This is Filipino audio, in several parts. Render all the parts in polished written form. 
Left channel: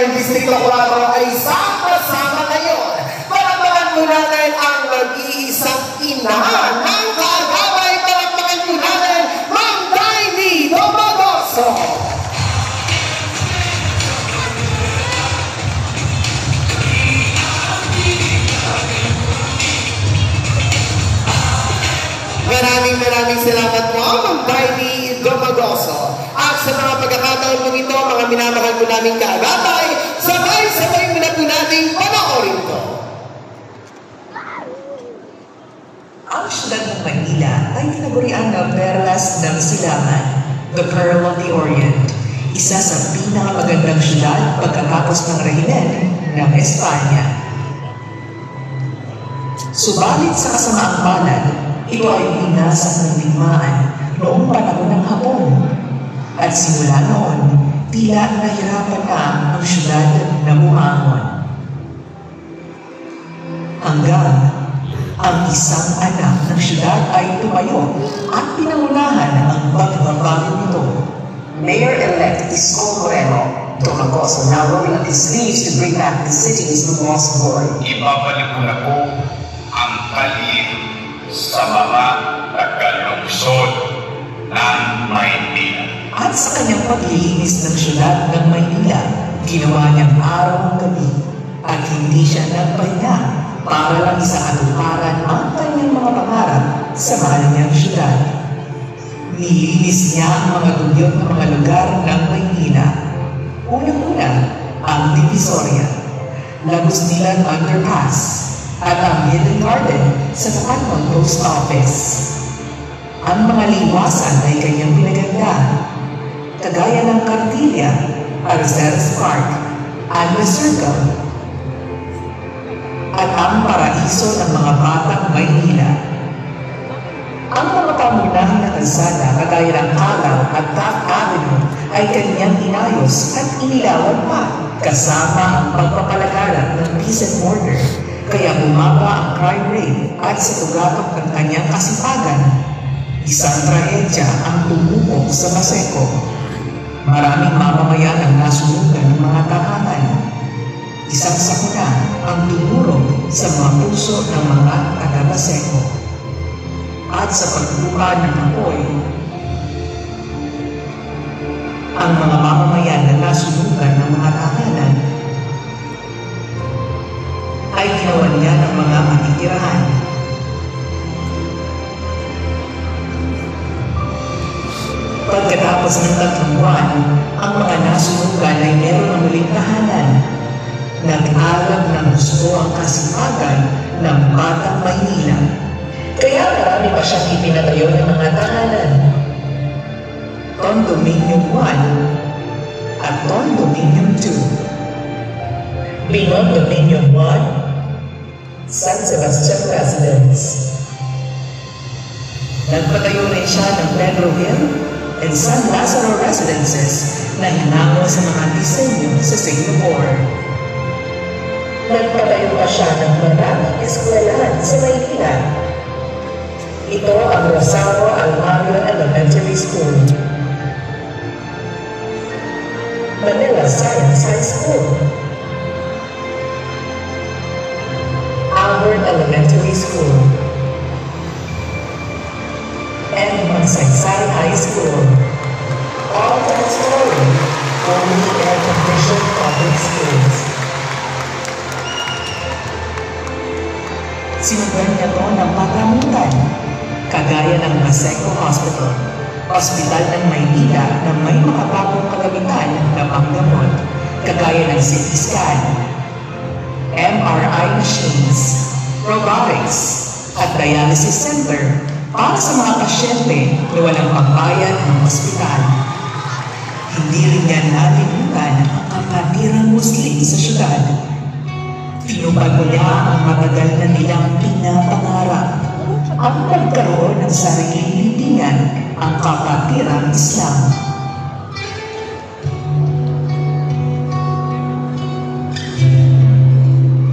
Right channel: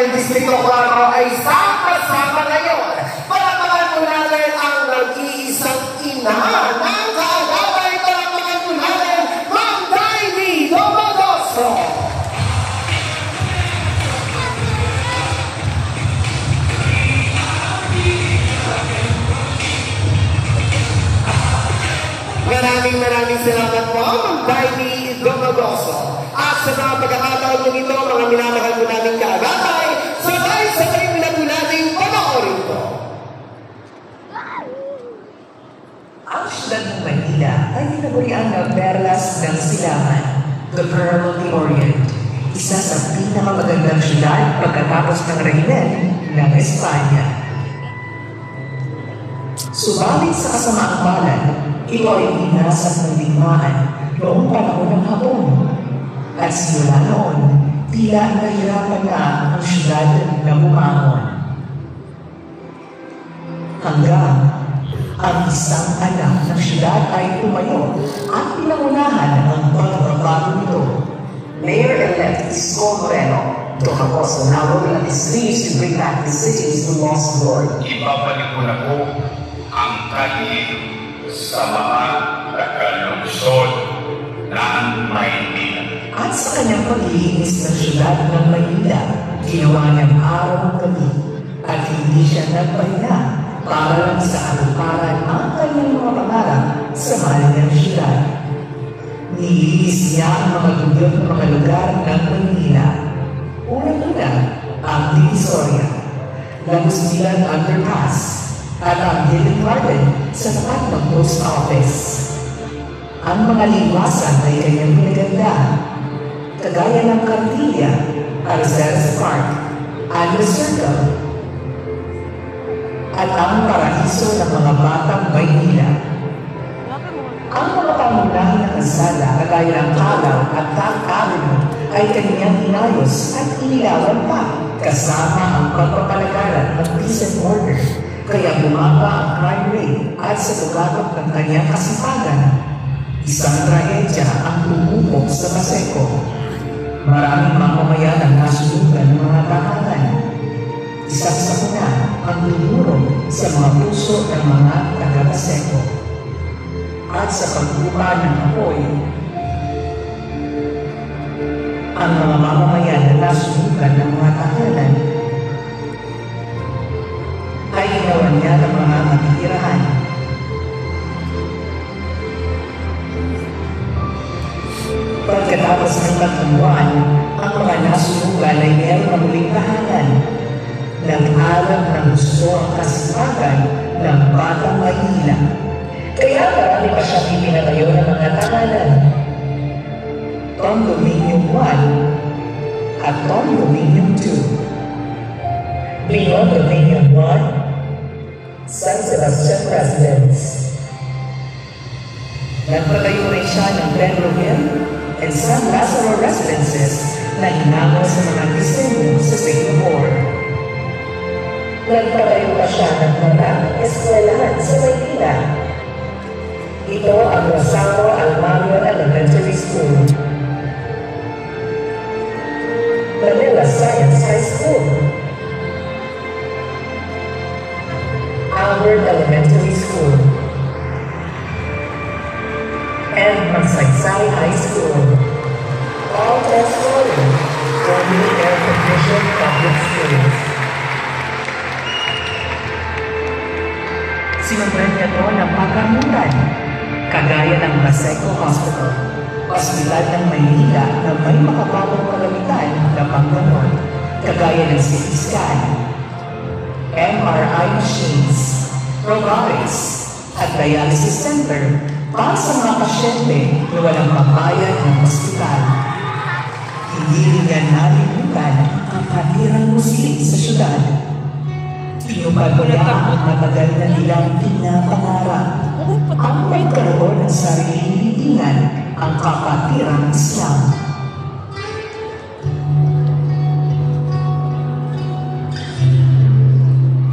ng Distrito 4 ay sama-sama ngayon. Palakpakan po natin ang nag-iisang ina ng kaagapay. Palakpakan po natin, Ma'am Daily Domagoso. Maraming salamat po, Ma'am Daily Domagoso. At sa mga pagkakataon po ito, mga minamahal po namin kaagapay, sabay-sabay mo na po natin panoorin to. Ang siyudad ng Manila ay tinaguriang na Perlas ng Silangan, the Pearl of the Orient, isa sa pinakamagandang siyudad pagkatapos ng rehimen ng Espanya. Subalit sa kasamaang palad, ito ay binasa ng digmaan noong panahon ng Hapon. At simula noon, tila nahirapan na ang siyudad na bumangon. Hanggang ang isang anak ng siyudad ay tumayo at pinangunahan ang pagbabago nito. Mayor-elect Isko Moreno Domagoso now rolling his sleeves to bring back the city's lost glory. Ibabalik ko na po ang kalye sa mga nagkalungsod ng Maynila. At sa kanyang paglilinis ng siyudad ng Maynila, ginawa niyang araw ang gabi at hindi siya nagpahinga para lang sa aluparan ang kanyang mga pangarap sa mahal niyang siyudad. Nilinis niya ang mga dugyot ng mga lugar ng Maynila. Unang-una, ang Divisoria, Lagos Nilang Underpass, at ang Hidden Garden sa tapat ng Post Office. Ang mga liwasan ay kanyang pinaganda, kagaya ng Cartilla, Arceras Park, Annual Circle, at ang paraiso ng mga batang Maynila. Ang mga pangunahing na kalsada, kagaya ng Calaw at Taft Avenue, ay kanyang inayos at inilawan pa, kasama ang pagpapalagalan ng peace and order, kaya bumaba ang crime rate at sa ugatong ng kanyang kasipagan. Isang trahedya ang tumubo sa Paseco. Maraming mamamayan ang nasunugan ng mga tahanan. Isang sakuna ang tinurong sa mga puso ng mga taga-Paseco. At sa paglupa ng apoy, ang mga mamamayan na nasunugan ng mga tahanan ay ginawan niya ng mga matitirahan. Pagkatapos ng 3 buwan, ang mga nasunugan ay meron ng muling tahanan. Nag-alab ng gusto ang kasipagan ng batang Maynila. Kaya marami pa siyang ipinatayo ng mga tahanan. Condominium 1 at Condominium 2. Beyond Dominion 1, San Sebastian Residence. Nagpatayo rin siya ng Pedro Hill and San Lazaro Residences na hinango sa mga disenyo sa Singapore. Nagpatayo pa siya ng maraming eskwelahan sa Maynila. Ito ang Rosario Almario Elementary School, Manila Science High School, Albert Elementary School, and Magsaysay High School. All 10-story, fully air-conditioned public schools. Sinundan niya to ng pagkamuran, kagaya ng Paseco Hospital, Hospital ng Maynila na may makabagong kagamitan na paggamot, kagaya ng CT scan, MRI machines, robotics, at dialysis center para sa mga pasyente na walang pagbayad ng ospital. Hindi rin niya nalimutan ang patirang Muslim sa siyudad. Pinubago niya ang matagal na nilang pinapangarap, ang pagkaroon ng sariling libingan, ang kapatirang Islam.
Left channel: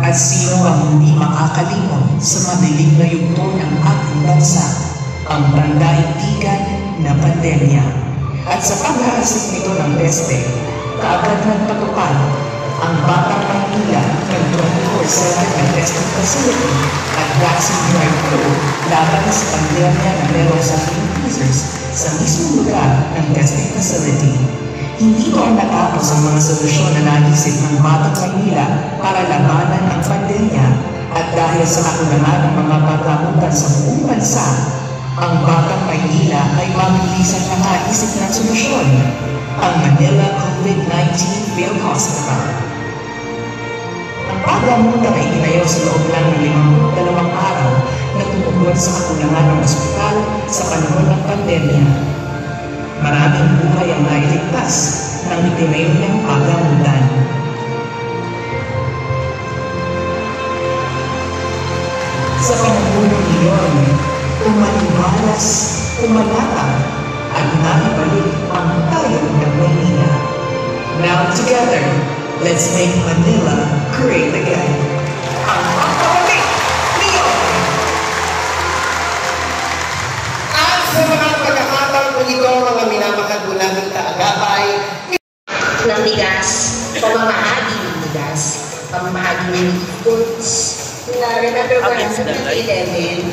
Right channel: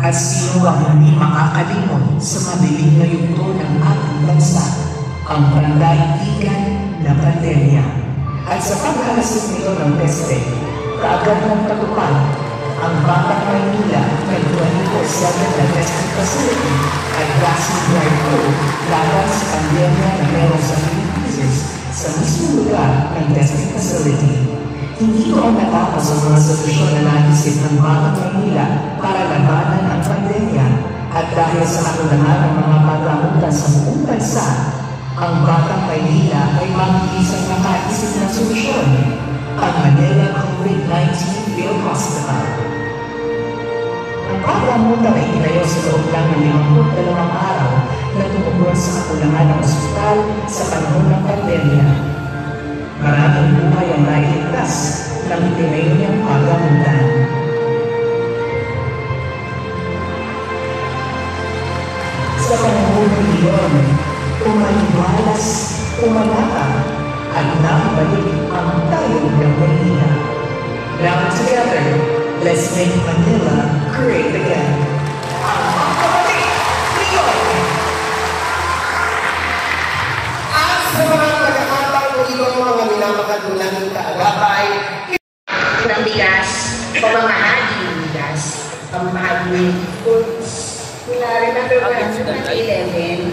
At sino ang hindi makakalimot sa madilim na yugto ng ating bansa, ang pandaigdigan na pandemya. At sa paghalasik nito ng peste, kaagad ng pagpapal ang Batang Maynila ng 24/7 testing facility at vaccine drive-thru laban sa pandemya ng relaxing cases sa mismong lugar ng testing facility. Hindi pa natapos ang mga solusyon na naisip ng Batang Maynila para labanan ang pandemya at dahil sa kakulangan ng mga pagkakutan sa buong bansa, ang Batang Maynila ay mabilisan na naisip ng solusyon, ang Manila COVID-19 Field Hospital. Ang pagkamutan ay ginayo sa loob lang ng 52 araw na tumugon sa kakulangan ng ospital sa panahon ng pandemya. Maraming buhay ang nailigtas ng itinayo niyang pagkamutan. Sa panahon ng iyon, umalibalas, umalatang, at nakabalik ang tayo ng Maynila. Now together, let's make Manila great again. At sa mga pagkakataon kung ito ang mga minamakagulan ng kaagapay, ng bigas, pamamahagi ng bigas, pamamahagi ng foods. Remember ko ang 11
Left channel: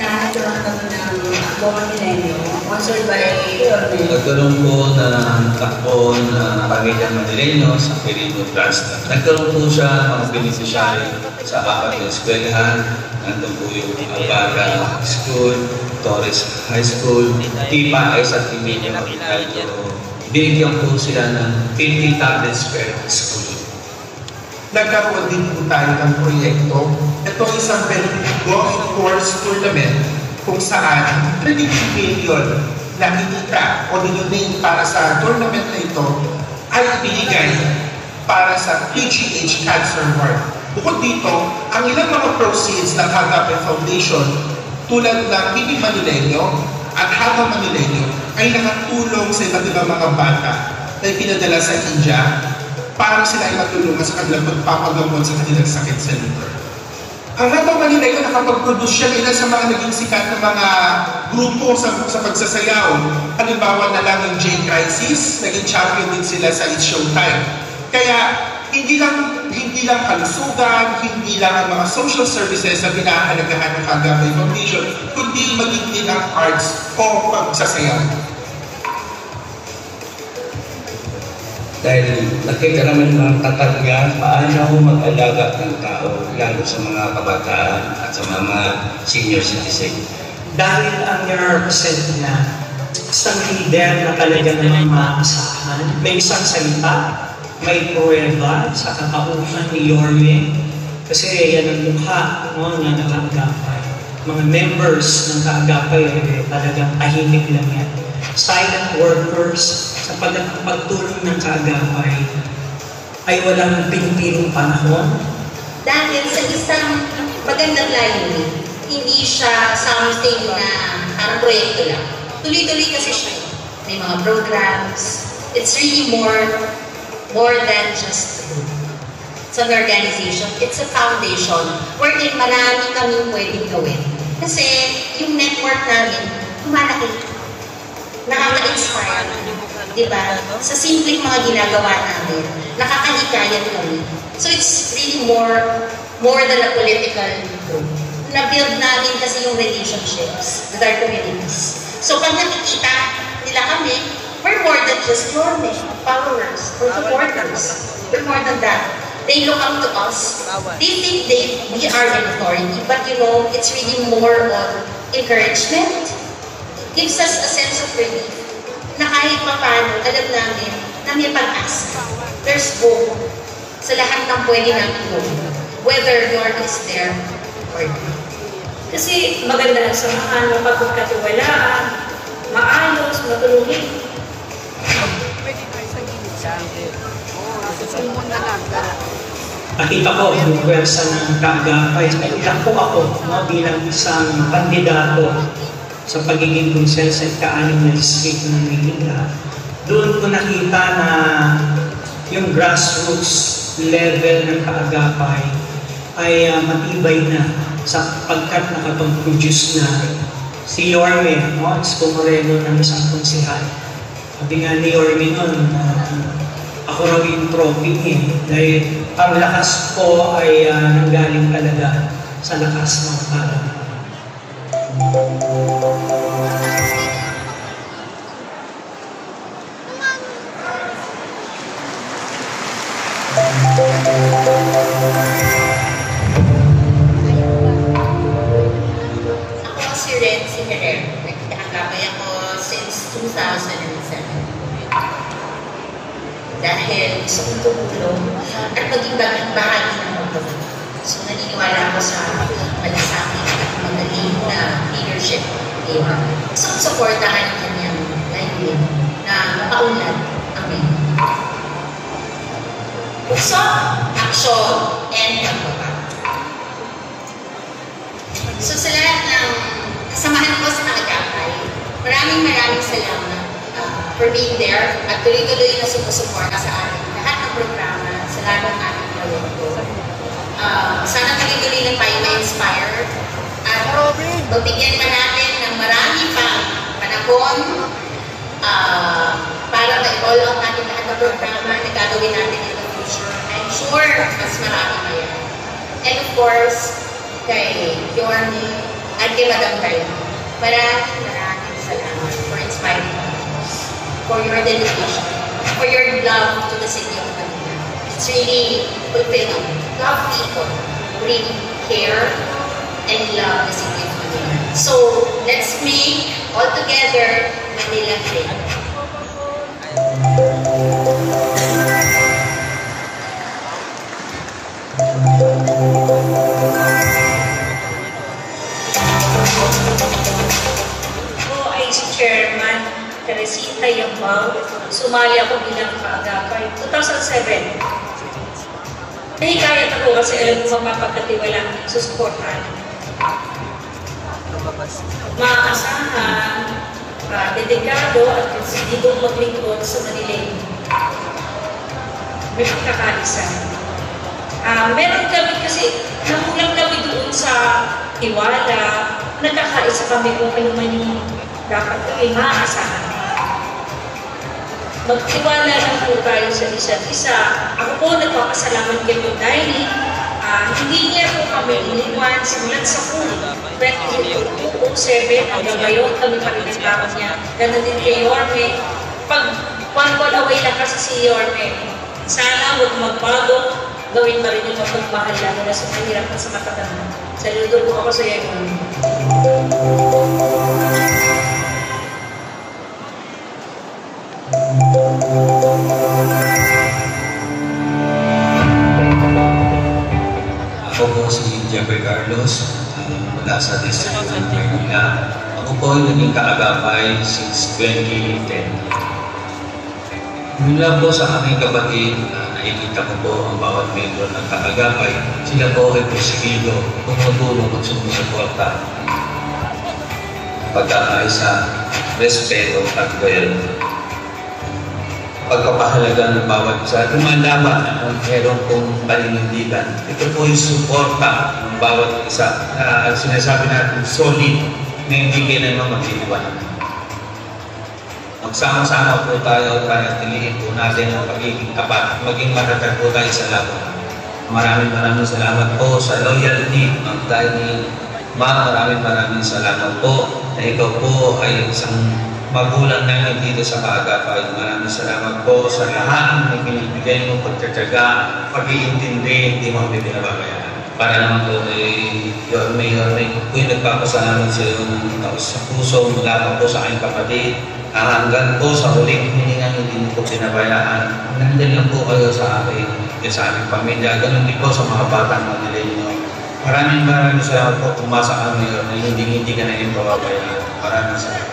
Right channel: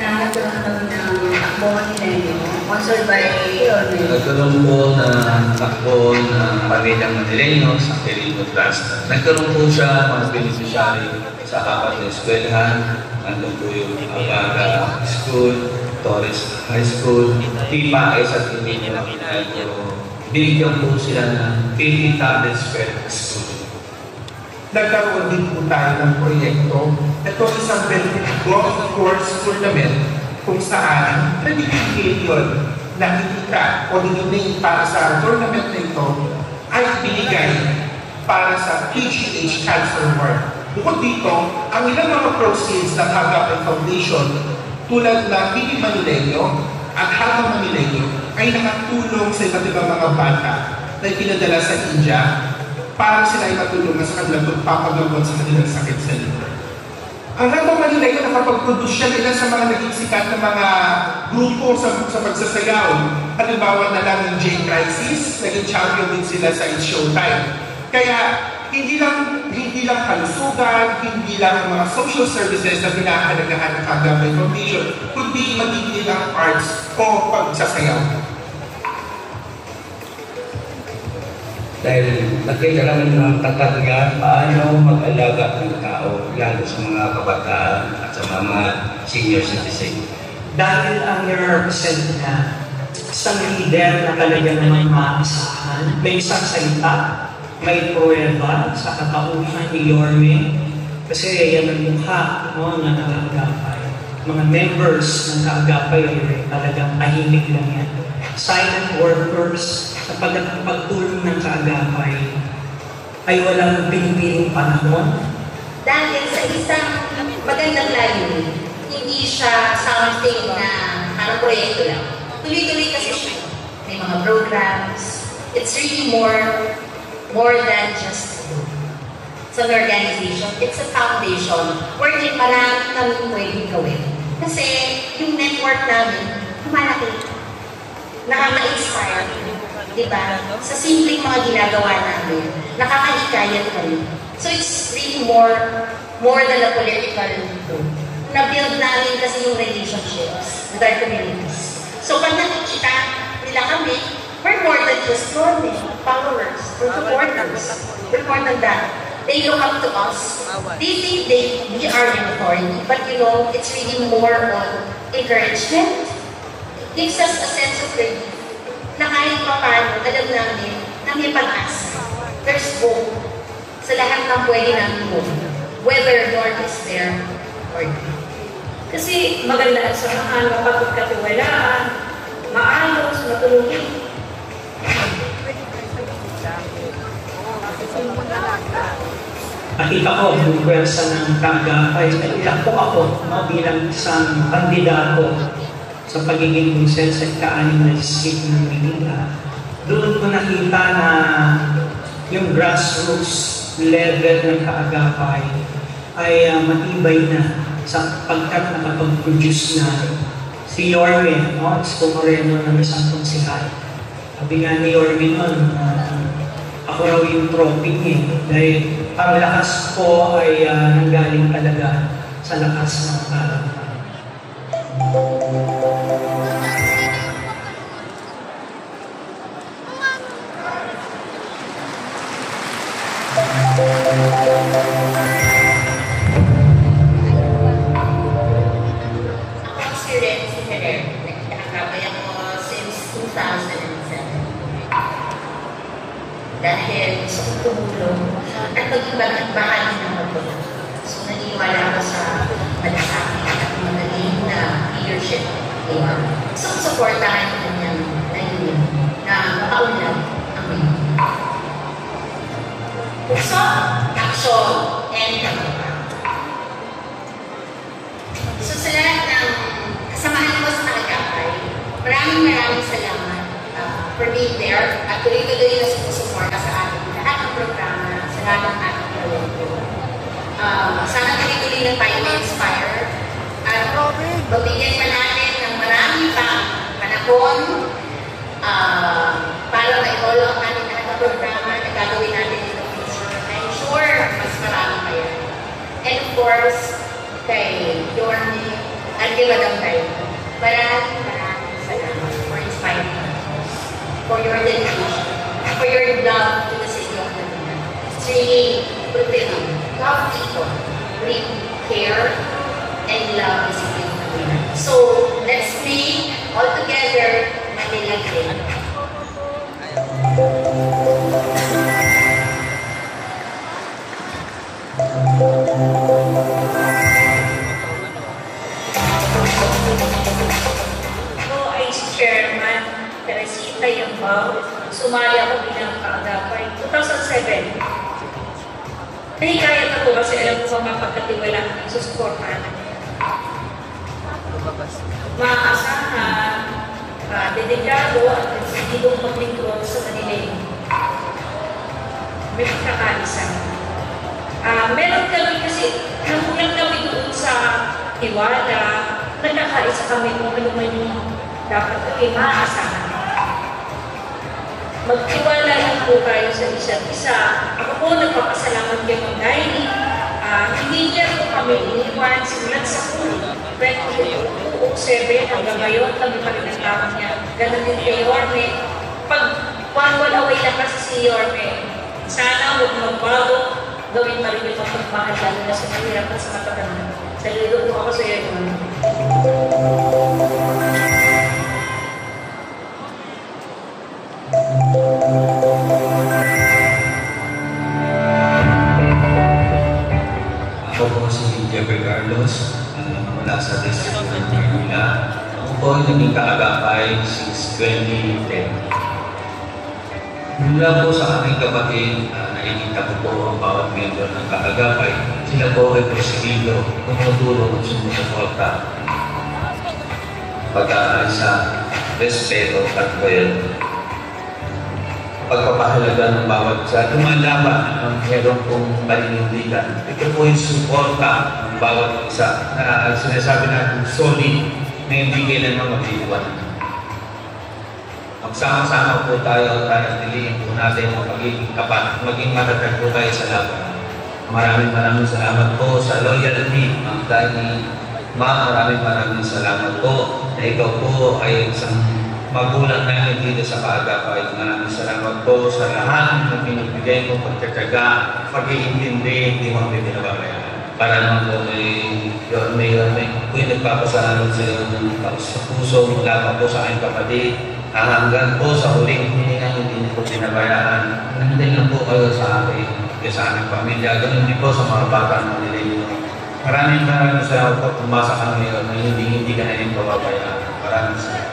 na nagkaroon ng mga milenyo, sponsored by Yorme. Nagkaroon po ng takbo na pamilyang Manileño sa Perino Plaza. Nagkaroon po siya ng beneficiary sa 4 na eskwelahan. Nandun po yung Agara School, Torres High School, Tipaes at Emilio Mercado. Binigyan po sila ng 50 tablets per school. Nagkaroon din po tayo ng proyekto. Ito isang golf course tournament kung saan 30 million na hinita o dinunay para sa tournament na ito ay binigay para sa PGH Cancer Ward. Bukod dito, ang ilang mga proceeds ng Agape Foundation tulad ng Mini Manileño at Haga Manileño ay nakatulong sa iba't ibang mga bata na pinadala sa India para sila ay matulungan sa kanilang pagpapagamot sa kanilang sakit sa liver. Ang Haga Manileño nakapag-produce siya nila sa mga naging sikat na mga grupo sa pagsasayaw. Halimbawa na lang yung J-Crisis, naging champion din sila sa It's Showtime. Kaya hindi lang kalusugan, hindi lang ang mga social services na pinahalagahan ng Agape Foundation, kundi maging din ang arts o pagsasayaw. Dahil nakita namin ng tatagyan paano mag-alaga ng tao, lalo sa mga kabataan at sa mga senior citizen. Dahil ang represent na isang leader na talagang naman maasahan, may isang salita, may pruweba sa kakauhan ni Yorme, kasi yan ang mukha ng Kaagapay. Mga members ng Kaagapay ay talagang tahimik lang yan. Silent workers sa pagtulong ng Kaagapay ay walang pinipiling panahon. Dahil sa isang magandang layunin, hindi siya something na parang proyekto lang. Tuloy-tuloy kasi siya. May mga programs. It's really more than just a group. It's an organization. It's a foundation wherein marami kaming pwedeng gawin. Kasi yung network namin, malaki. Nakaka-inspire. Diba? Sa simpleng mga ginagawa namin, nakakahikayat kami. So it's really more than a political group. Na-build namin kasi yung relationships with our communities. So pag nakikita nila kami, we're more than just followers or supporters. We're more than that. They look up to us. They think we are an authority, but you know, it's really more of encouragement. It gives us a sense of relief na kahit pa paano, alam namin na may pag-asa. There's hope sa lahat ng pwede namin gawin, whether Lord is there or not. Kasi maganda ang samahan, mapagkatiwalaan, maayos, matulungin. Nakita ko yung pwersa ng Kaagapay. Nakita ko ako bilang isang kandidato sa pagiging konsensa at ka-anim na distrito ng Maynila. Doon ko nakita na yung grassroots level ng Kaagapay ay matibay na sapagkat nakapag-produce na si Yorme, Isko Moreno ng isang konsihal. Sabi nga ni Yorme noon, ako raw yung trophy niya. Dahil ang lakas ko ay nanggaling talaga sa lakas ng katawan. Ako si Ren Sinerer. Nagkakabay ako since 2007. Dahil gusto kong tumulong at maging bahagi ng mundo. So naniniwala ako sa malasakit at magaling na leadership. So supportahan ang kanyang layunin na makaunlad kami. So, action and kamuha. So sa lahat ng kasamahan ko sa nakagapay, maraming salamat for being there at tuloy-tuloy na sumusuporta sa ating lahat ng programa, sa lahat ng ating proyekto. Sana tuloy-tuloy na tayo ma-inspire at magbigyan pa natin ng marami pang panahon para ma-all ang ating lahat ng programa na gagawin natin in the future. I'm sure mas marami pa yan. And of course, kay Yorme at kay Madam Kayo, maraming salamat for inspiring us, for your dedication, for your love to the city of Manila. It's really fulfilling. Love people who really care and love the city of Manila. So, let's make all together Manila great. Ako ay si Chairman Teresita Yambao. Sumali ako bilang kaagapay 2007. Nahikayat ako kasi alam ko mapagkatiwala sa suportahan. Maasahan, dedikado at hindi maglingkod sa Manila. May pagkakaisa. Meron kami kasi, namulang kami doon sa Tiwala, nagkakaisa kami kung ano man yung dapat ay maaasahan. Magtiwala lang po tayo sa isa't isa. Ako po nagpapasalamat kay Pagdaini. Hindi niya po kami iniwan simulat sa puno. 2007 hanggang ngayon kami pa rin nagkakas niya. Ganun din kay Yorme. Pag walaway na kasi si Yorme, sana huwag magbago, gawin pa rin yung pagmahal lalo na sa mahirap at sa nakatama. Saludo po ako sa iyo, Yorme. Ako po si Jeffrey Carlos, mula sa District of Manila. Ako po naging kaagapay since 2010. Mula po sa aking kapatid, nakikita ko po ang bawat member ng kaagapay. Sila po ay presidido, tumutulong at sumusuporta. Pagkakaisa, respeto at loyalty. Pagpapahalaga ng bawat isa, lumalaban ang meron pong paninindigan. Ito po yung suporta ng bawat isa na sinasabi natin solid na hindi kailangan mag-iwan. Magsama-sama po tayo tilihin po natin ang magiging tapat, maging matatag po tayo sa laban. Maraming salamat po sa loyalty ng Tiny. Maraming salamat po na ikaw po ay isang magulang namin dito sa kaagapay. Maraming salamat po sa lahat na binibigay mo, pagtsatsaga, pag-iintindi, hindi mo pinagabayan. Para naman po kay Yorme, po yung nagpapasalamat sa puso mula po sa aking kapatid. Hanggang po sa huling hiningan, hindi niyo po pinabayaan. Nandun lang po kayo sa akin, sa aming pamilya. Ganun din po sa mga batang Manila. Maraming salamat po pumasa kami na hindi ka na rin kawabayan. Maraming salamat.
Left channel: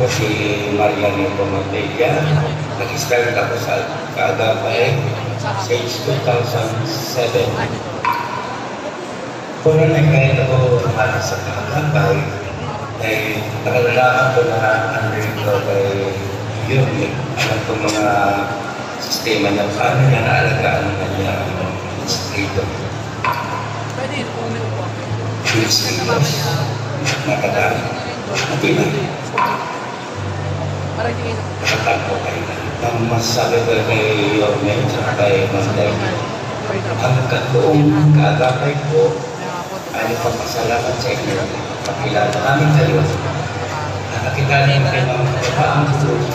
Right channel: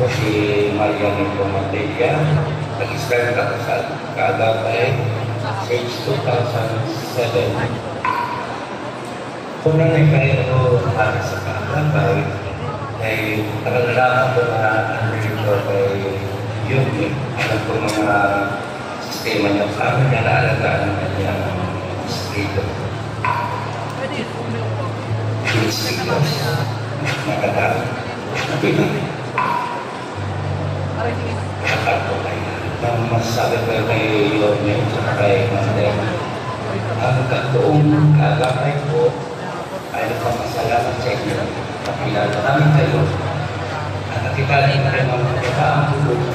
Ako si Mariano Pomantilla. Nag-start ako sa kaagapay since 2007. Kung nangyay ako sa kaagapay, ay nakalala ako na under ko kay Yorme. Alam ko mga sistema niya sa amin na naalagaan ng kanyang distrito. Pilipinos, matagal, Pilipinas. Akal ko kayo. Ang masasabi ko kay Yorme at kay Manday, ang katoong kagapay ko ay papasalamat sa inyo. Pakilala kami kayo. Nakakilala naman kayo ng kapaang tulog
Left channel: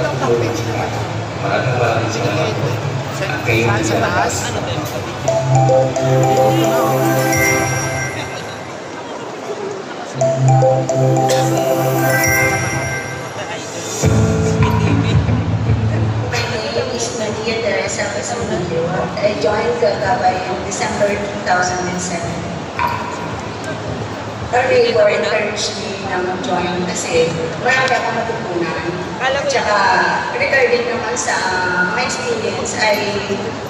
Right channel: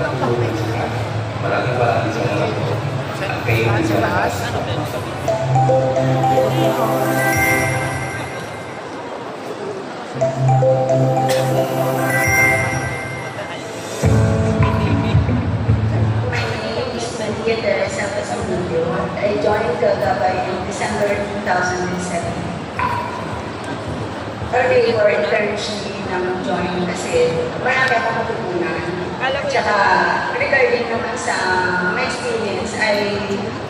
at tulog sila. Maraming salamat po. At kayo din sa lakas. I joined Gagabay in December 2007. Early or encouraged me na mag-join kasi marami ako matutunan. At saka regarding naman sa my experience ay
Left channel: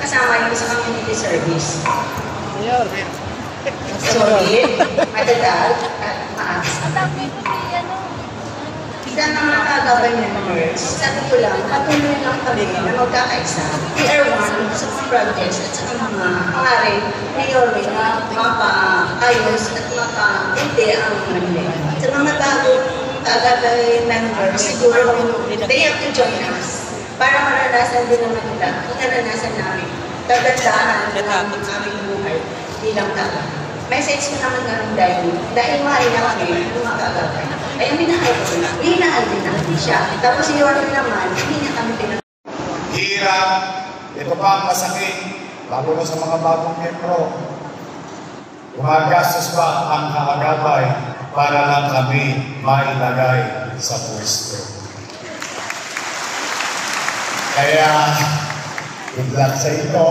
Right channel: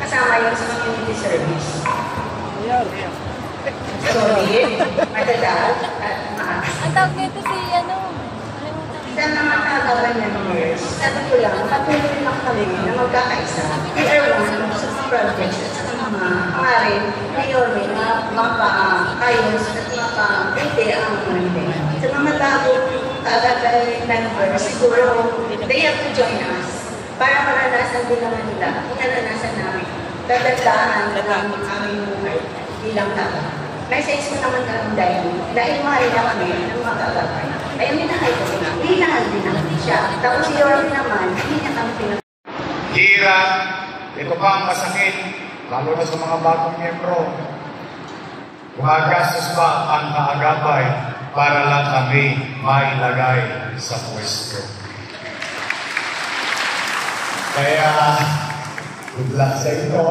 kasama yun sa community service. Solid, matagal, at maas. Sa mga Gagabay members, sabi ko lang, patuloy lang kami na magkakaisa. We are one sa projects at sa mga pangarin ni Yorme na makaayos at makabuti ang Manila. Sa mga bagong Gagabay members, siguro they have to join us para maranasan din naman nila yung naranasan namin. Tagandahan ang aming buhay bilang tao. Message ko naman ganun dahil mahal na kami ng mga Gagabay. Ay, minahal ko sila. Minahal din namin siya. Tapos si Yorme naman, hindi niya kami pinag... Hirap, ito pa ang masakit, lalo na sa mga bagong miyembro. Gumagastos pa ang Gagabay para lang kami mailagay sa pwesto. Kaya, good luck sa inyo.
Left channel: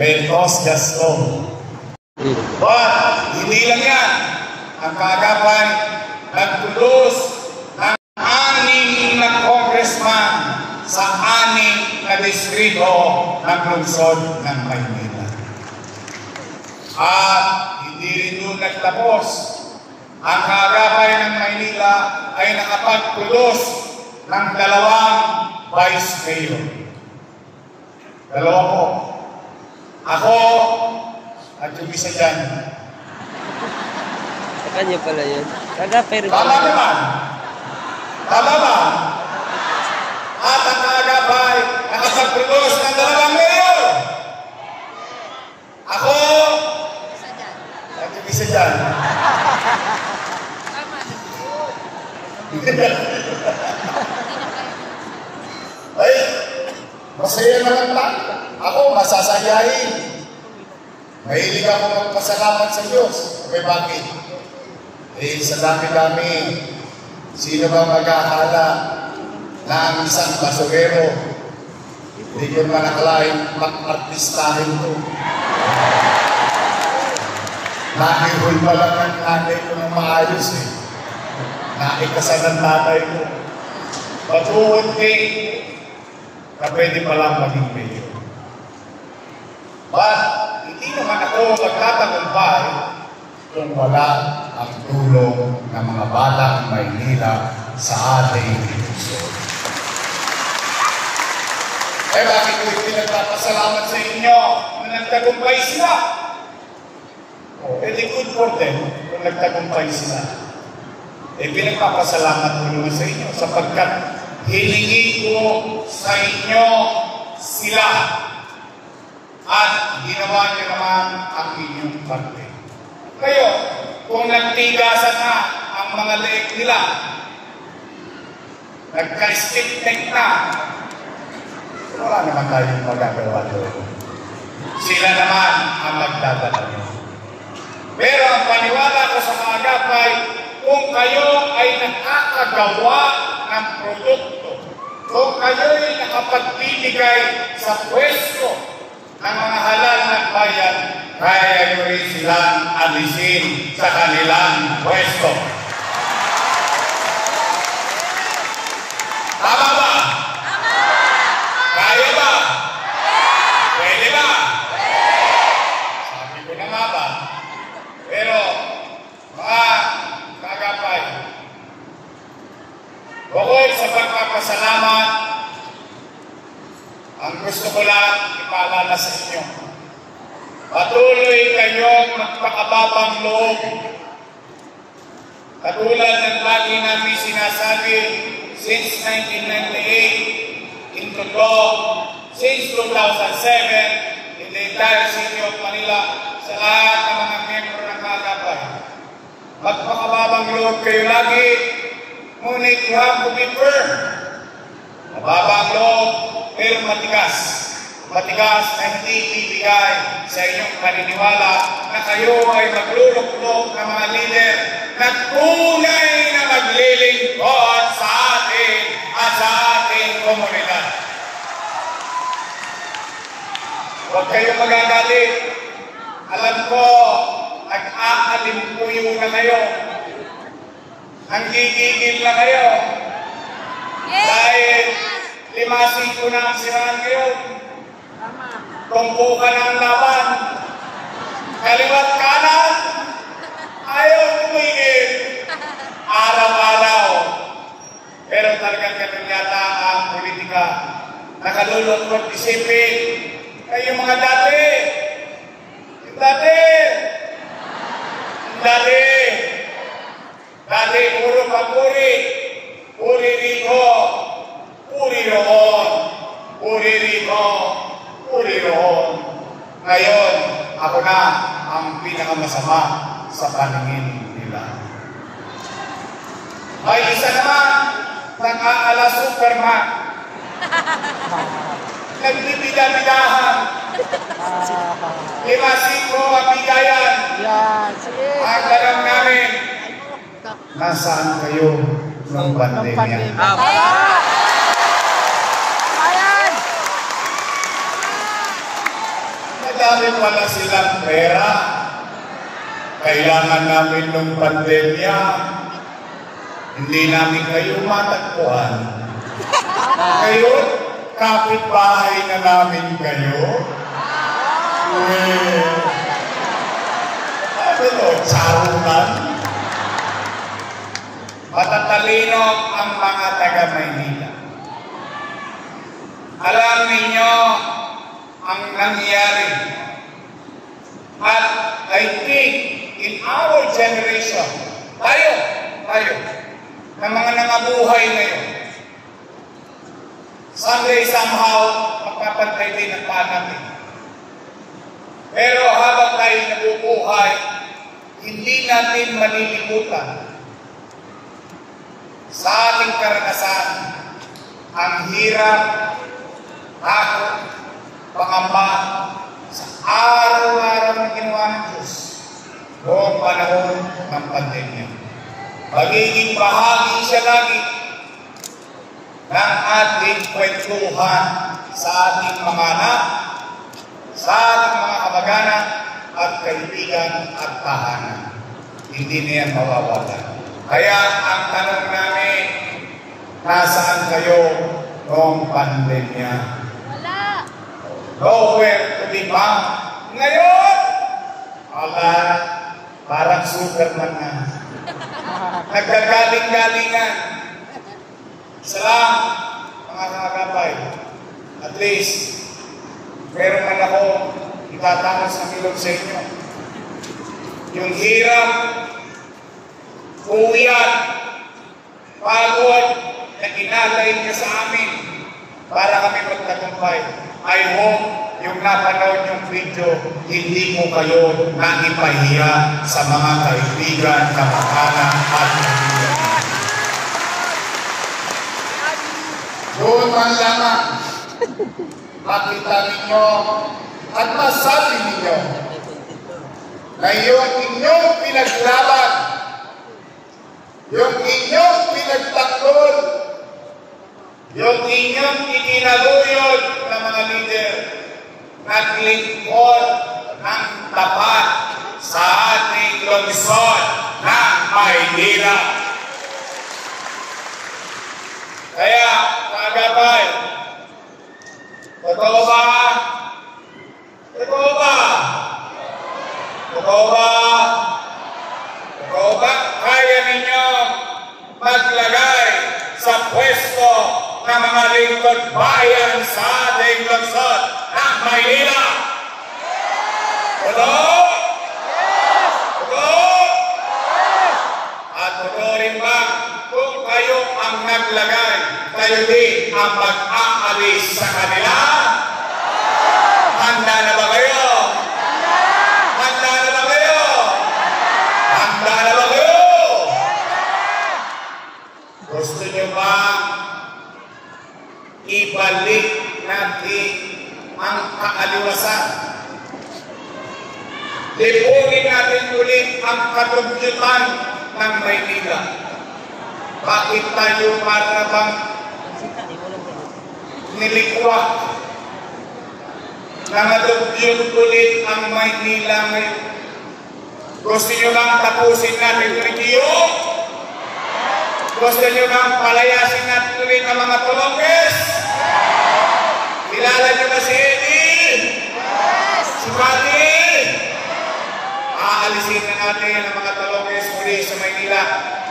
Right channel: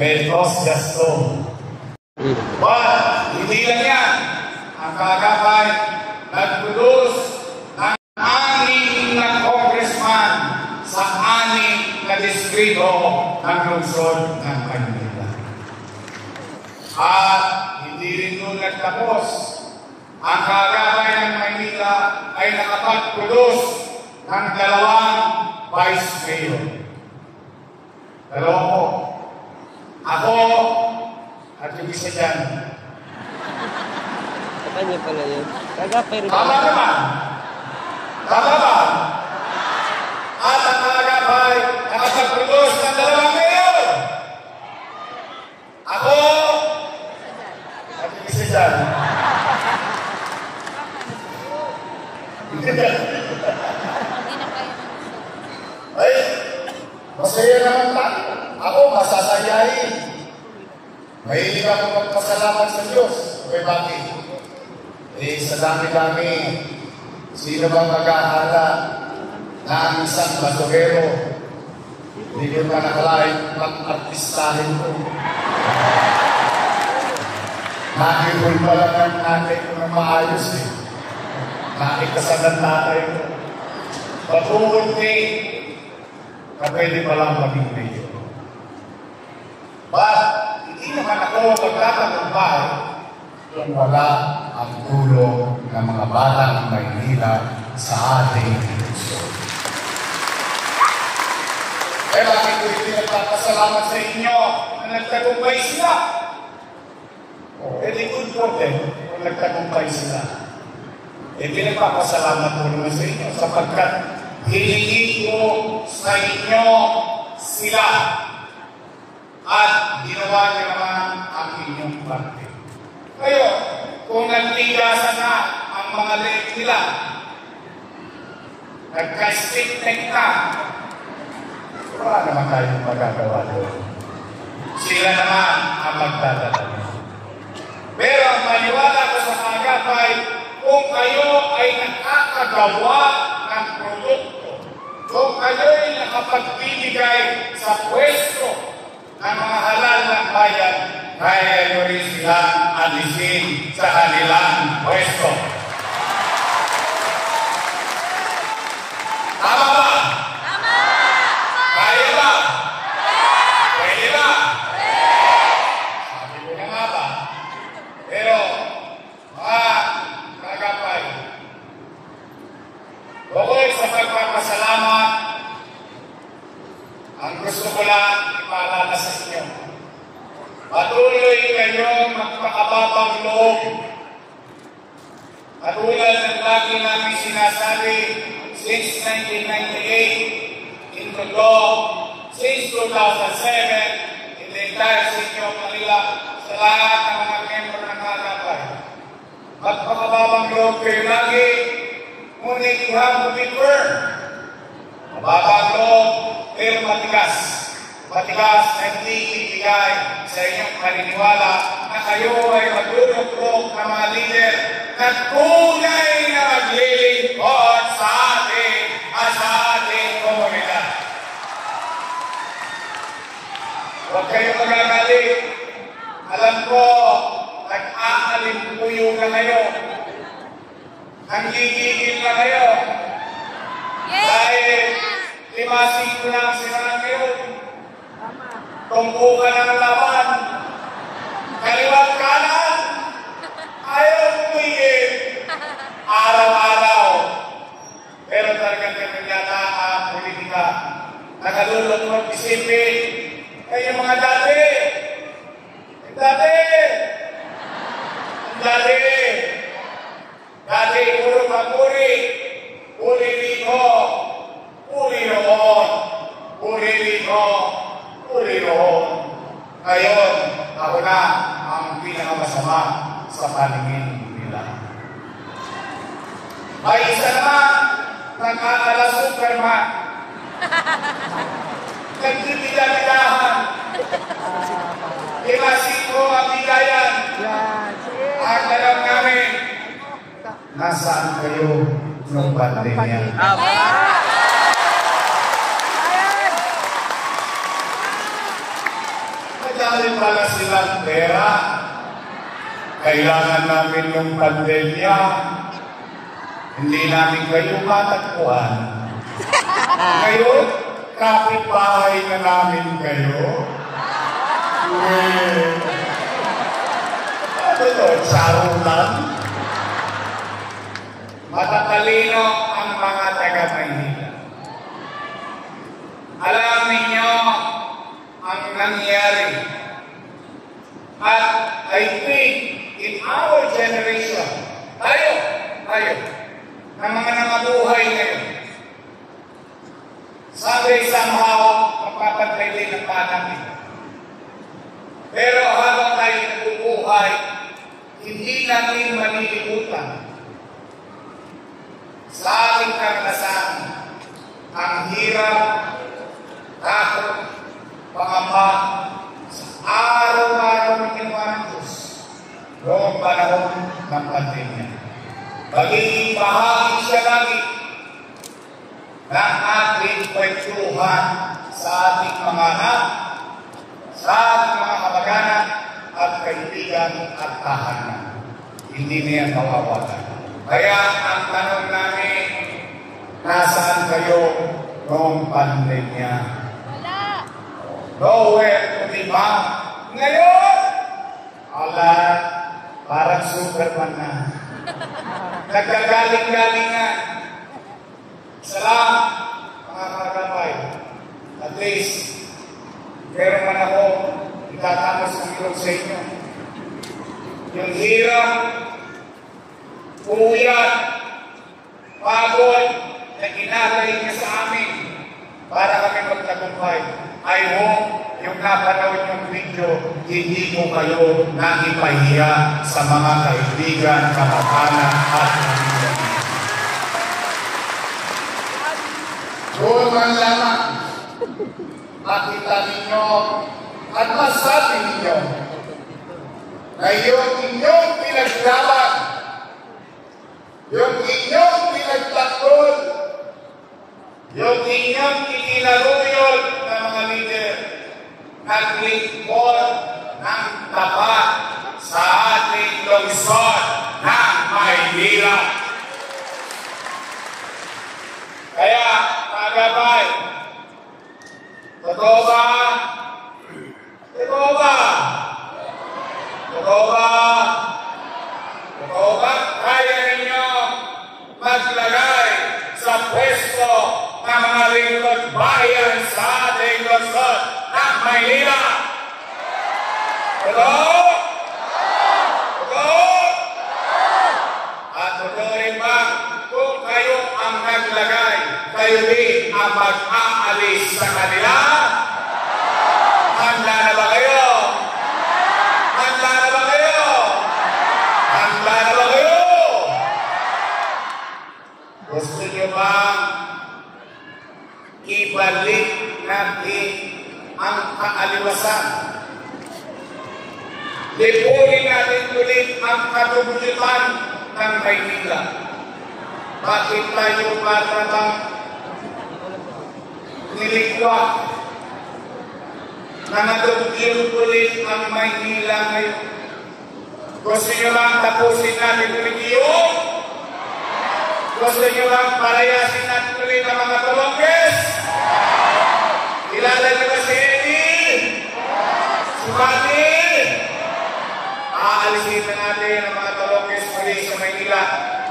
May cost just go. But, hindi lang yan. Ang Gagabay nagtulos ng 6 na congressman sa 6 na distrito ng lungsod ng Maynila. At hindi rin doon nagtapos. Ang Gagabay ng Maynila ay nakapagtulos ng 2 vice mayor. 2 po. Ako at yung isa dyan. Sa kanya pala yun. Gagapay rin. Tama ba? Tama ba? At ang Gagabay nakapagtulos ng 2 mayor. Ako at yung isa dyan. Ay, masaya naman lang. Ako masasayahin. Mahilig ako magpasalamat sa Diyos. Okay, bakit? Eh, sa dami-dami, sino ba mag-aakala na ang isang basurero hindi ko na nakalain mag-artistahin ko? Nakihoy pa lang ang nanay ko na maayos eh. Nakikasal ang nanay ko. Patuunti na pwede pa lang maging mayor. But, hindi naman ako magtatagumpay kung wala ang tulong ng mga batang Maynila sa ating lungsod. Eh bakit ko hindi nagpapasalamat sa inyo na nagtagumpay sila? Very good for them kung nagtagumpay sila. Eh pinagpapasalamat ko naman sa inyo sapagkat hilingi ko sa inyo sila at ginawa niyo naman ang inyong parte. Kayo, kung nagtigasan na ang mga leeg nila, nagka-stick-neck na, wala naman tayong magagawa doon. Sila naman ang magdadala. Pero ang paniwala ko sa Gagabay, kung kayo ay nakakagawa ng produkto, kung kayo ay nakapagbibigay sa pwesto ng mga halal ng bayan, kaya nyo rin silang alisin sa kanilang pwesto. Tama ba? Tama! Kaya ba? Pwede ba? Sabi ko na nga ba? Pero, mga Gagabay, bukod sa pagpapasalamat, ang gusto ko lang ipaalala sa inyo. Patuloy kayong magpakapagpapalit mababang loob. Katulad ng lagi namin sinasabi, since 1998, into law, since 2007, in the entire city of Manila, sa lahat ng mga membro ng Kagapay. Magpakababang loob kayo lagi, ngunit you have to be firm. Mababang loob, pero matigas. Matigas na hindi ibigay sa inyong paniniwala na kayo ay maglulukmok ng mga leader na tunay na maglilingkod sa atin at sa ating komunidad. Huwag kayo magagalit. Alam ko, nag-aalimpuyo na kayo. Nanggigigil na kayo. Dahil 5-5 na ang siraan ngayon. Tumpukan ang laban. Kaliwat kanan. Ayaw tumigil. Araw-araw. Pero talagang ganun yata ang politika. Nakalulot isipin. Kayo mga dati. Dati puro papuri. Puri rito. Puri roon. Puri rito. Puri roon. Ngayon, ako na ang pinakamasama sa paningin nila. Ay isa naman, nakakala Superman. Nagbibida-bidahan. 5-5 ang bigayan. Ang larang namin. Nasaan kayo nung pandemya? Madami pala silang pera. Kailangan namin nung pandemya. Hindi namin kayo matagpuan. Ngayon, kapitbahay na namin kayo. Sarunan. Matatalino ang mga taga-Maynila. Alam ninyo ang nangyari. At I think in our generation, tayo, na mga nangabuhay ngayon, someday somehow, magpapantay din ang panamit. Pero habang tayo nabubuhay, hindi natin malilimutan sa ating karanasan ang hirap, takot, pangamba sa araw-araw na ginawa ng Diyos noong panahon ng pandemya. Magiging bahagi siya lagi ng ating kwentuhan sa ating mga anak, sa ating mga kamag-anak at kaibigan at tahanan. Hindi niya mawawalan. Kaya ang tanong namin, nasaan kayo noong pandemya? Wala. Nowhere to be found. Ngayon, parang Superman na. Nagkagaling-galingan. Salamat, mga Kagapay. At least, meron man ako itatapos ng ilog sa inyo. Yung hirap, uwian, pagod, na inalay niya sa amin para kami magtagumpay. I hope yung napanood yung video, hindi mo kayo naipahiya sa mga kaibigan, kamag-anak at kaibigan. Buong lamang, makita ninyo at masabi ninyo na yung inyong pinaglaban, yung inyong pinagtakol, yung inyong itinaguyod ng mga leader, naglingkod ng tapat sa ating lungsod ng Maynila. Kaya, Kagapay, totoo ba? Totoo ba? Totoo ba? Totoo ba? Kaya ninyo maglagay sa pwesto ng mga lingkod bayan sa ating lungsod ng Maynila? Totoo? Lipunin natin ulit ang katubyutan ng Maynila. Bakit tayo parang nilikwa na natubyut ulit ang Maynila ngayon? Gusto nyo bang tapusin natin ulit yun? Gusto nyo bang palayasin natin ulit ang mga Tolonges? Kilala nyo ba si Eddie? Si Buddy? Aalisin na natin ang mga Tolonges muli sa Maynila.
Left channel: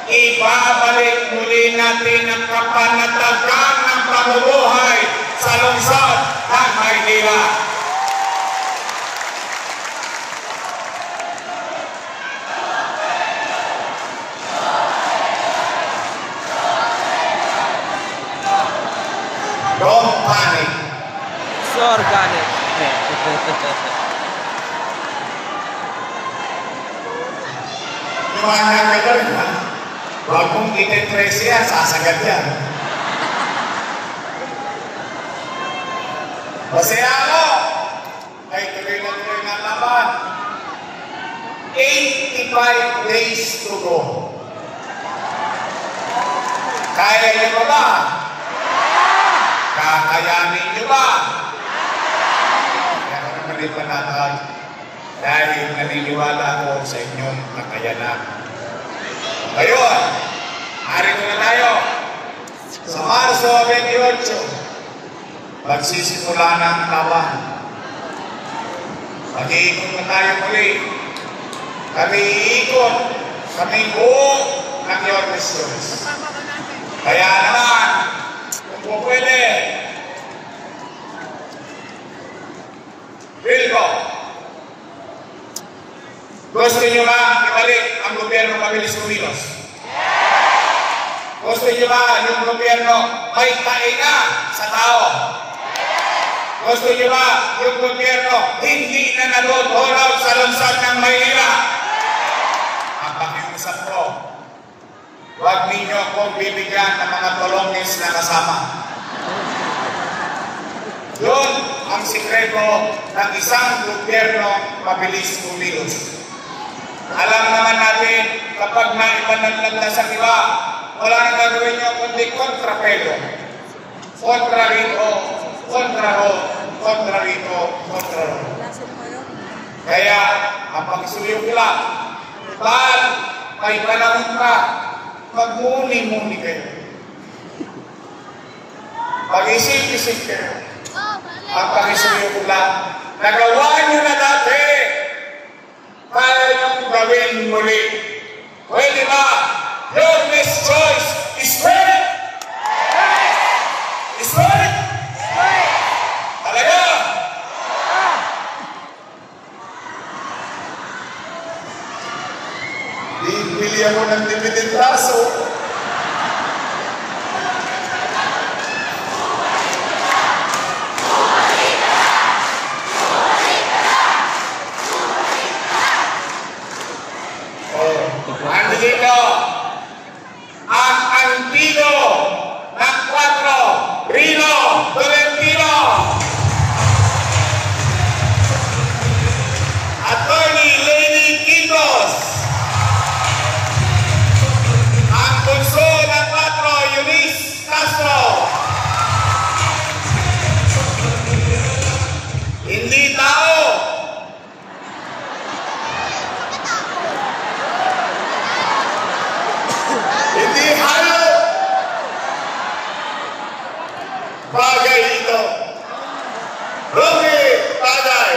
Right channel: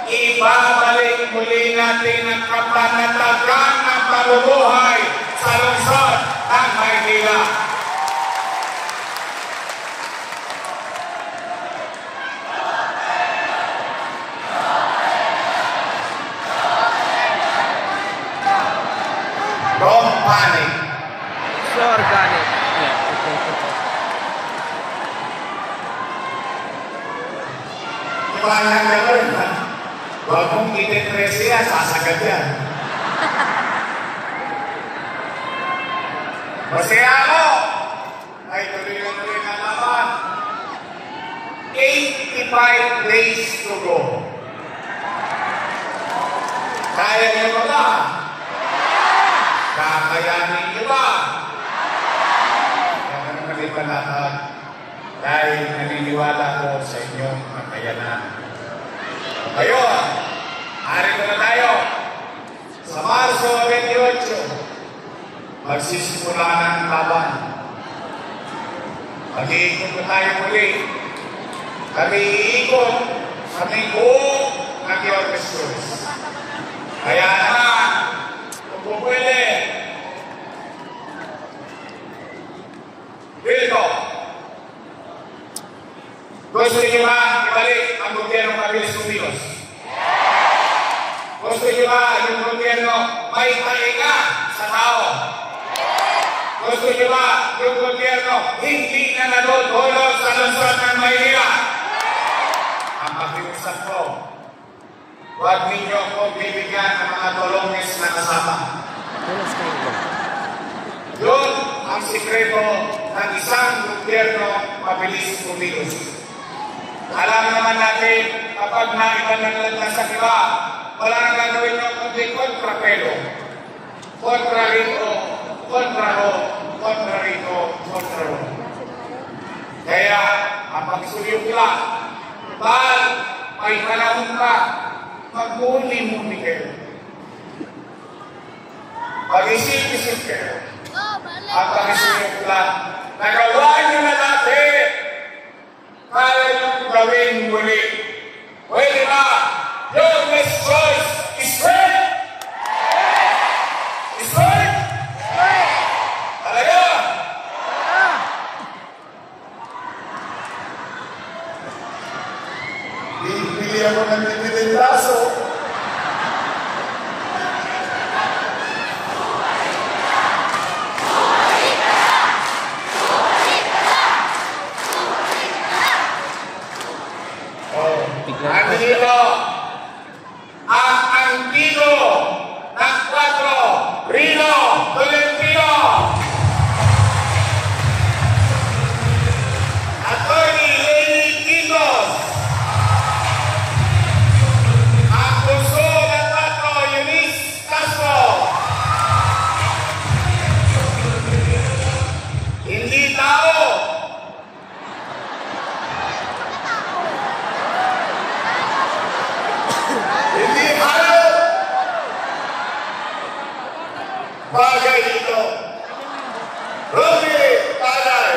Ibabalik muli natin ang kapanatagan ng pamumuhay sa lungsod ng Maynila. Don't panic. So organic. Iwanan ka doon, ha? Huwag mong ititres yan, sasagad yan. Masaya ako! Ay tuloy na naman. 85 days to go. Kaya niyo mo ba? Kakayanin niyo ba? Kaya naman ito lahat. Dahil naniniwala ko sa inyong kakayanan. Ngayon, narito na tayo. Sa Marso 28, magsisimula na ang taban. Mag-iikot na tayo muli. Kami iikot, kami buong nakiorganistos. Kaya naman, kung pwede, Bilko, gusto niyo ba ibalik ang gobyerno mabilis kumilos? Gusto niyo ba yung gobyerno may tainga sa tao? Gusto niyo ba yung gobyerno hindi na natutunaw sa lungsod ng Maynila? Ang pakiusap ko, huwag ninyo akong bibigyan ng mga Tolonges na kasama. Yun ang sikreto ng isang gobyerno mabilis kumilos. Alam naman natin, kapag naipanaglag na sa iba, wala nang gagawin nyo kundi kontrapelo. Kontra rito, kontra ho, kontra rito, kontra ho. Kaya, ang pagsuyo ko lang, bahal ay panahon pa, magmuni-muni kayo. Pag-isip-isip kayo. Ang pagsuyo ko lang, nagawa nyo na dati, kaya yung gawin muli. Pwede ba? Your next choice is right? Is right? Talaga? Bili ako ng dividend raso. Andito ang antigo ng 4, Rino Tolentino, Attorney Lenny Quintos, ang puso ng 4, Eunice Castro, hindi tao, hindi hayop. Bagay ito. Rocky Tagay.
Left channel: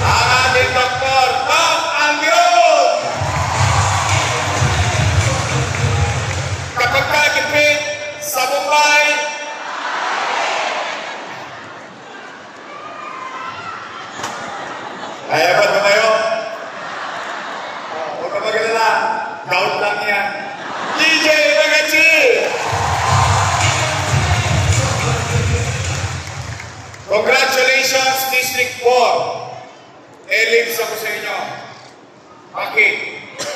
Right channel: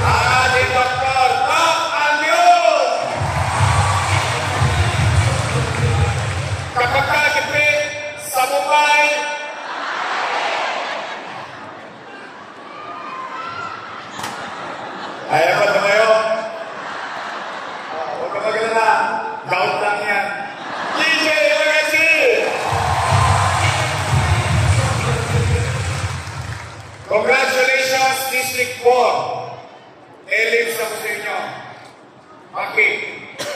Ang ating Dr. Top Angelo. Kapag kakipit sa Mumbai, kaya ba na kayo? Huwag ka maganda. Gout lang yan. DJ Bagachi! Congratulations, District 4. Elips ako sa inyo. Bakit?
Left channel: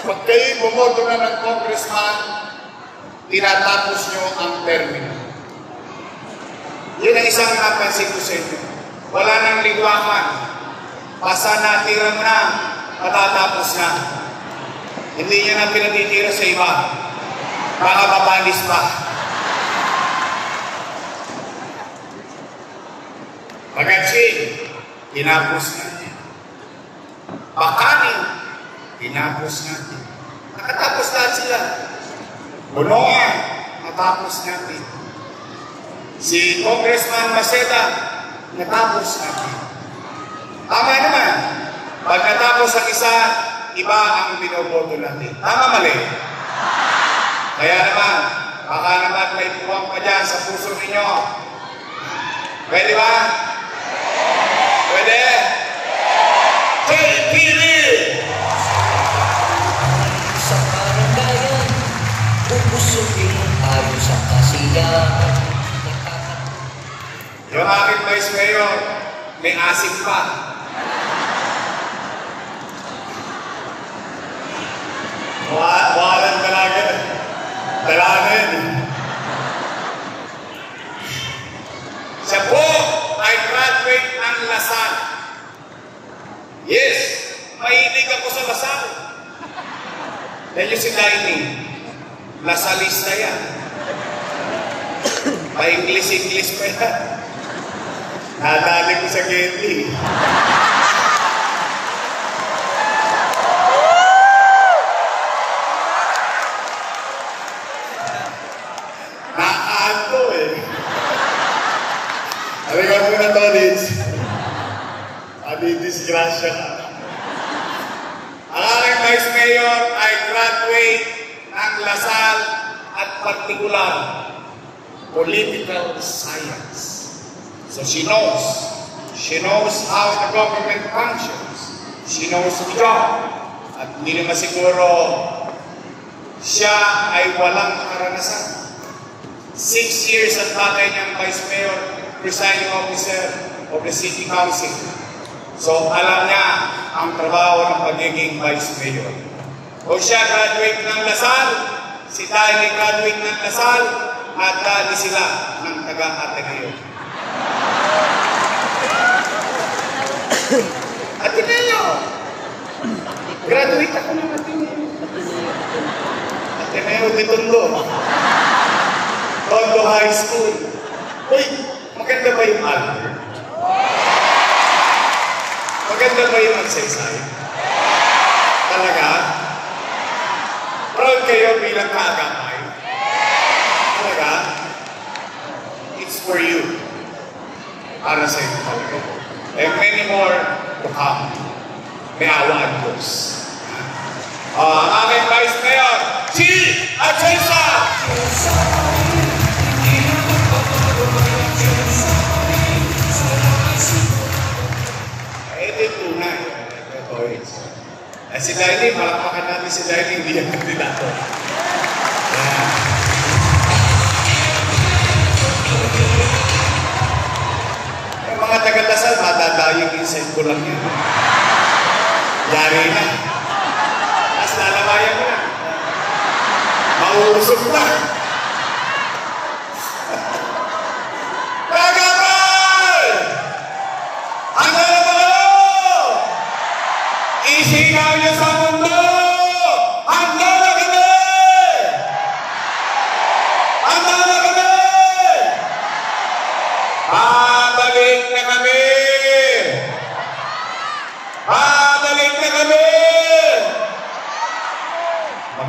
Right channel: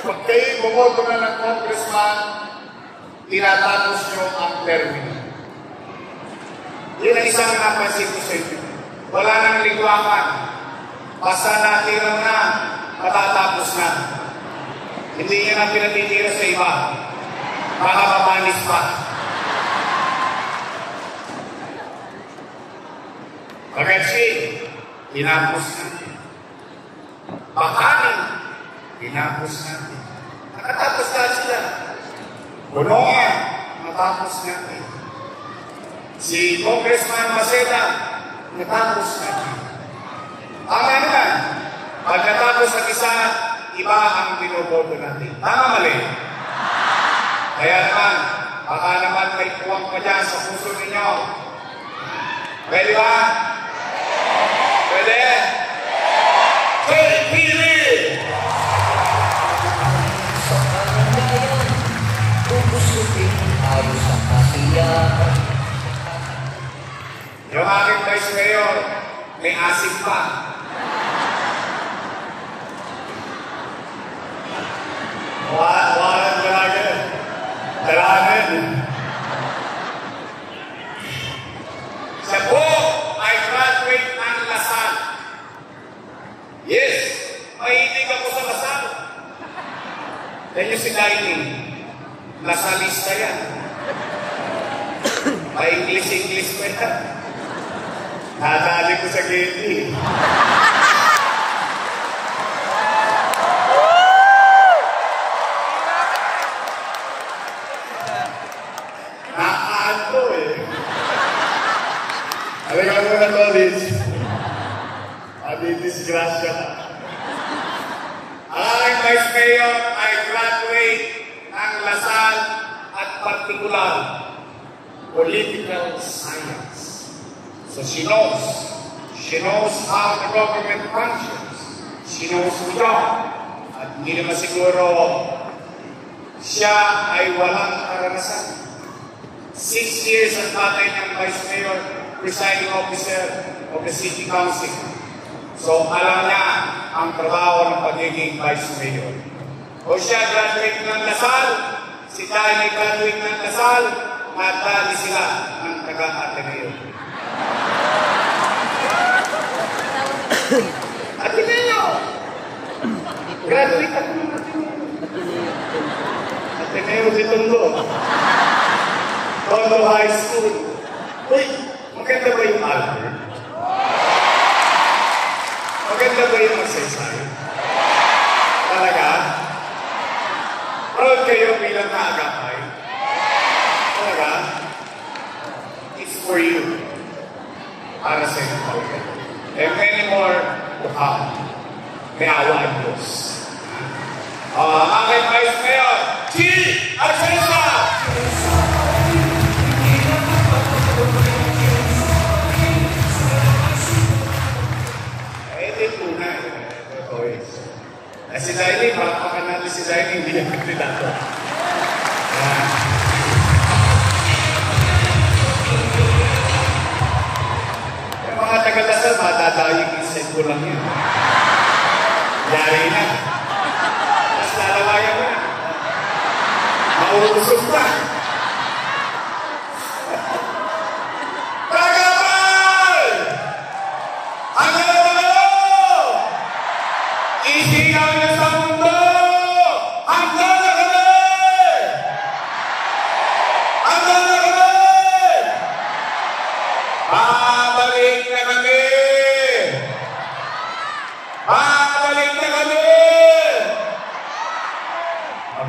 Pag kayo bumoto na ng congressman, tinatapos nyo ang termino. Yun ang isang napansin ko sa inyo. Wala nang ligwakan. Basta natira mo na, matatapos na. Hindi nyo na pinatitira sa iba. Baka mapalis pa. Pagkatsin, tinapos natin. Bakanin, tinapos natin. Nakatapos lahat sila. Bulongan, natapos natin. Si Congressman Maceda, natapos natin. Tama naman. Pag natapos ang isa, iba ang binoboto natin. Tama mali. Kaya naman, baka naman may tuwang pa dyan sa puso ninyo. Pwede ba? Pwede? Pili! Sa karangayan, ubusutin tayo sa kasiyahan. Yung aking vice mayor, may asik pa. Walang talaga. Dalanan. Siya po ay graduate ng Lasal. Yes, mahilig ako sa Lasal. Yan yung si Dining. Lasalista yan. Pa-English pa yan. Nadali ko sa Genti. Nakaanto eh. Halika muna, Tolits. Disgrasya ka. Ang aking Vice Mayor ay graduate ng Lasal at particular political science. So she knows how the government functions. She knows the job. At hindi naman siguro siya ay walang karanasan. 6 years ang tatay niyang Vice Mayor, presiding officer of the City Council. So alam niya ang trabaho ng pagiging Vice Mayor. O siya graduate ng Lasal, si Tay ay graduate ng Lasal, at dali sila ng taga-Ateneo. Ateneo! Graduate ako ng Ateneo. Ateneo de Tondo. Tondo High School. Uy, maganda ba yung Albert? Maganda ba yung magsasay? Talaga? Proud kayo bilang kaagapay? Talaga? It's for you. Para sa inyo talaga. And many more to come. May awa ang Diyos. Aking Vice Mayor, G. Atienza! Si Daily, palakpakan natin si Daily, hindi yung kandidato. Yung mga taga-Lasal, madadayang insect ko lang yan. Yari na. Tapos lalawayan mo na. Mauusog na.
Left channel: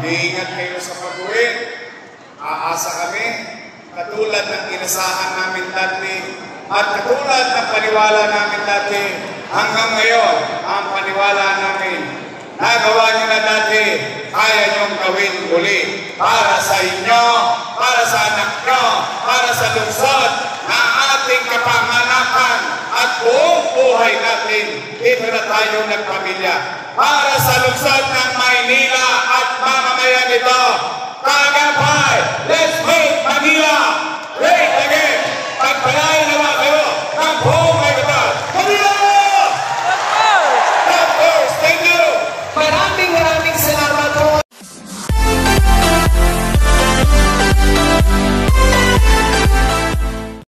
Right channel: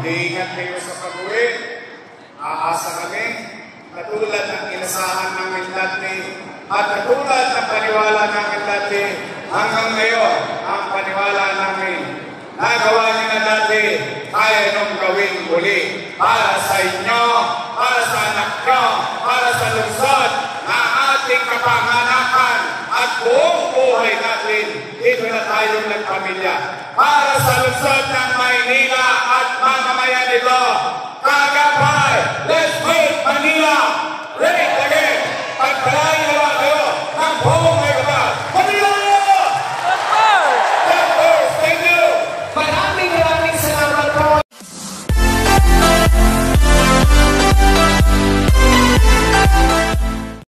Mag-iingat kayo sa pag-uwi. Aasa kami, katulad ng inasahan namin dati at katulad ng paniwala namin dati, hanggang ngayon, ang paniwala namin, nagawa niyo na dati, kaya niyong gawin uli para sa inyo, para sa anak niyo, para sa lungsod na ating kapanganakan at buong buhay natin. Dito na tayo nagpamilya. Para sa lungsod ng Maynila at mamamayan nito,